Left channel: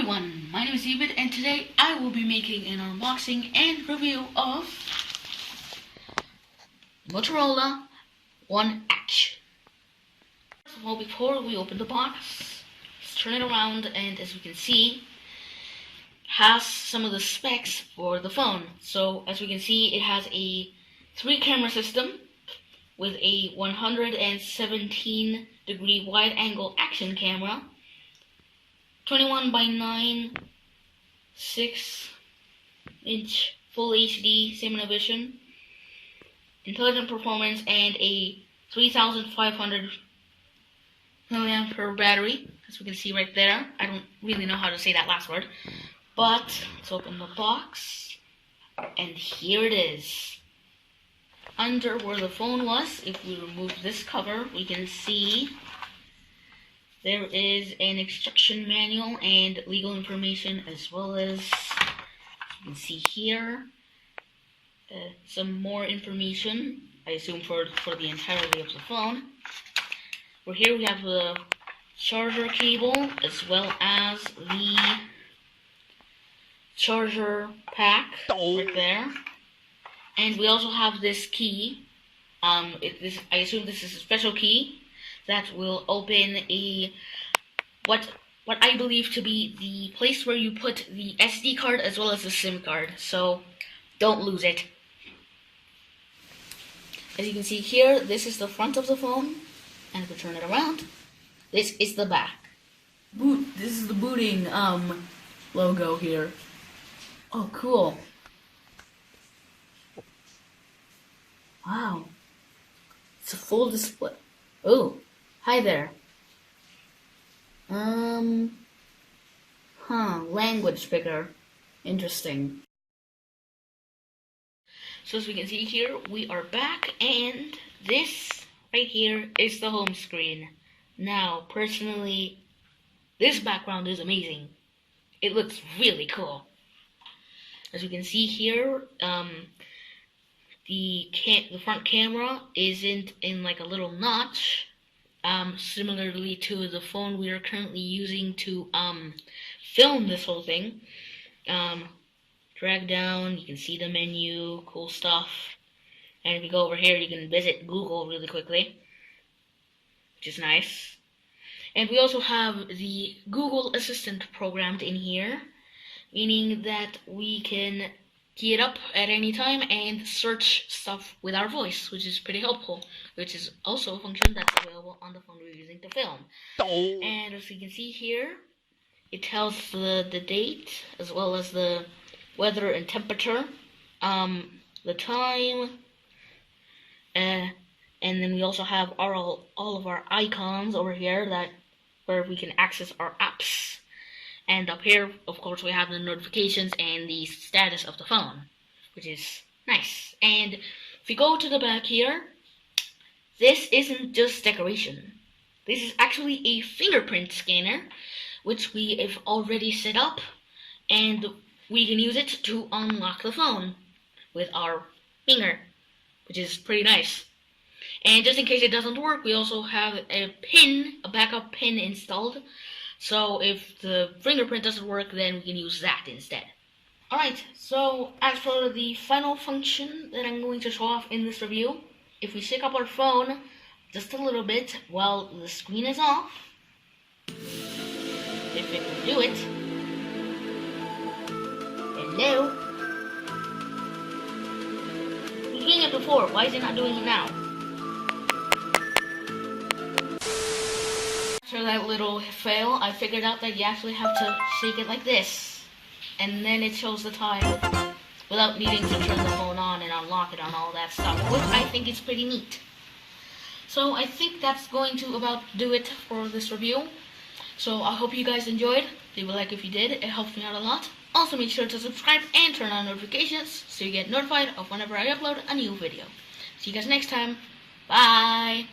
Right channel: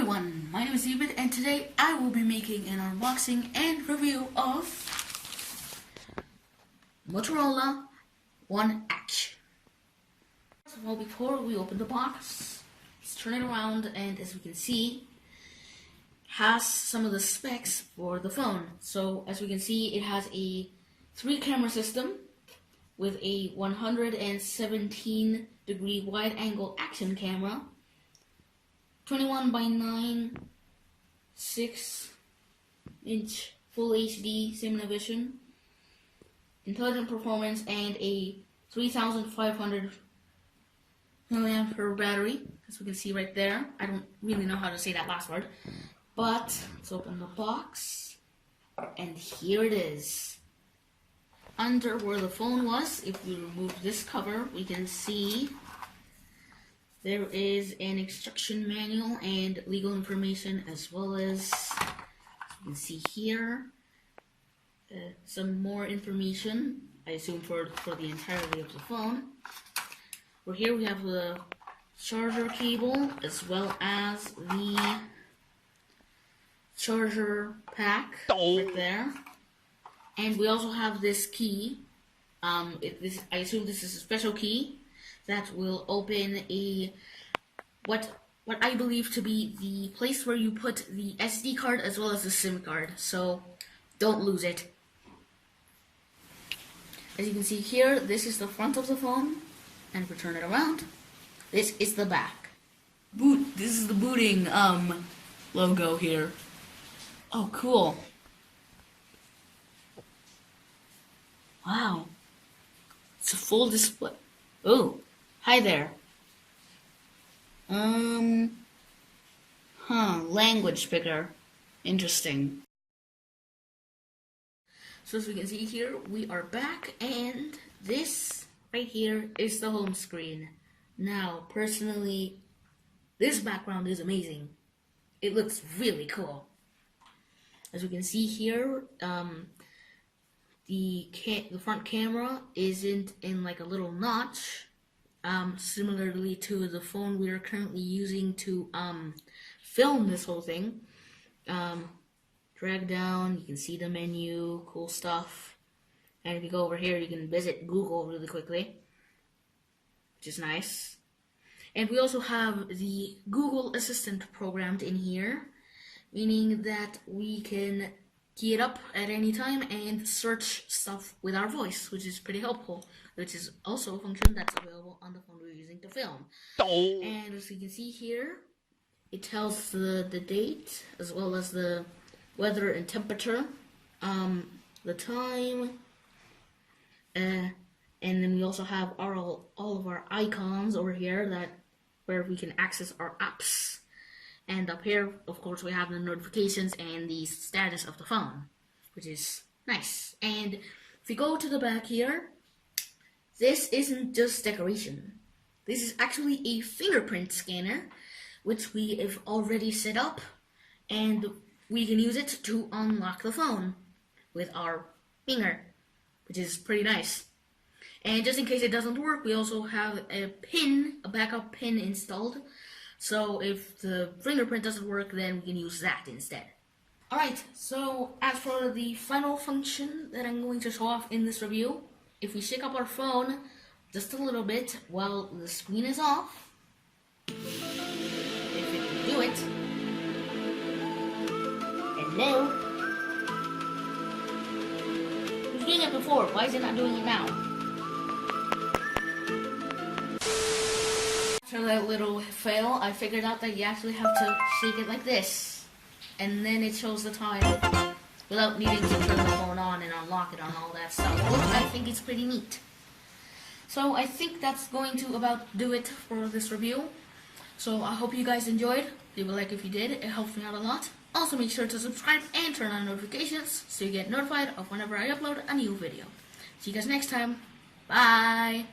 everyone, my name is David and today I will be making an unboxing and review of Motorola One Edge. First of all, before we open the box, let's turn it around, and as we can see, has some of the specs for the phone. So as we can see, it has a 3-camera system with a 117 degree wide angle action camera, 21 by 9 6-inch full HD cinema vision, intelligent performance, and a 3500 milliamp battery, as we can see right there. I don't really know how to say that last word, but let's open the box, and here it is. Under where the phone was, if we remove this cover, we can see there is an instruction manual and legal information, as well as you can see here, some more information, I assume for the entirety of the phone. Over here we have the charger cable, as well as the charger pack right there. And we also have this key. I assume this is a special key that will open what I believe to be the place where you put the SD card as well as the SIM card. So don't lose it. As you can see here, this is the front of the phone, and if we turn it around, this is the back. This is the booting logo here. Oh, cool. Wow. It's a full display. Oh, hi there. Language picker. Interesting. So as we can see here, we are back, and this right here is the home screen. Now, personally, this background is amazing. It looks really cool. As we can see here, the front camera isn't in like a little notch, similarly to the phone we are currently using to film this whole thing. Drag down, you can see the menu, cool stuff. And if you go over here, you can visit Google really quickly, which is nice. And we also have the Google Assistant programmed in here, meaning that we can key it up at any time and search stuff with our voice, which is pretty helpful, which is also a function that's available on the phone we're using to film. And as you can see here, it tells the date as well as the weather and temperature, the time, and then we also have all of our icons over here where we can access our apps. And up here, of course, we have the notifications and the status of the phone, which is nice. And if you go to the back here, this isn't just decoration. This is actually a fingerprint scanner, which we have already set up, and we can use it to unlock the phone with our finger, which is pretty nice. And just in case it doesn't work, we also have a backup pin installed. So if the fingerprint doesn't work, then we can use that instead. Alright, so as for the final function that I'm going to show off in this review, if we shake up our phone just a little bit while the screen is off, if it can do it. Hello? It was doing it before, why is it not doing it now? After that little fail, I figured out that you actually have to shake it like this, and then it shows the time without needing to turn the phone on and unlock it and all that stuff, which I think is pretty neat. So I think that's going to about do it for this review. So I hope you guys enjoyed. Leave a like if you did, it helps me out a lot. Also make sure to subscribe and turn on notifications so you get notified of whenever I upload a new video. See you guys next time. Bye!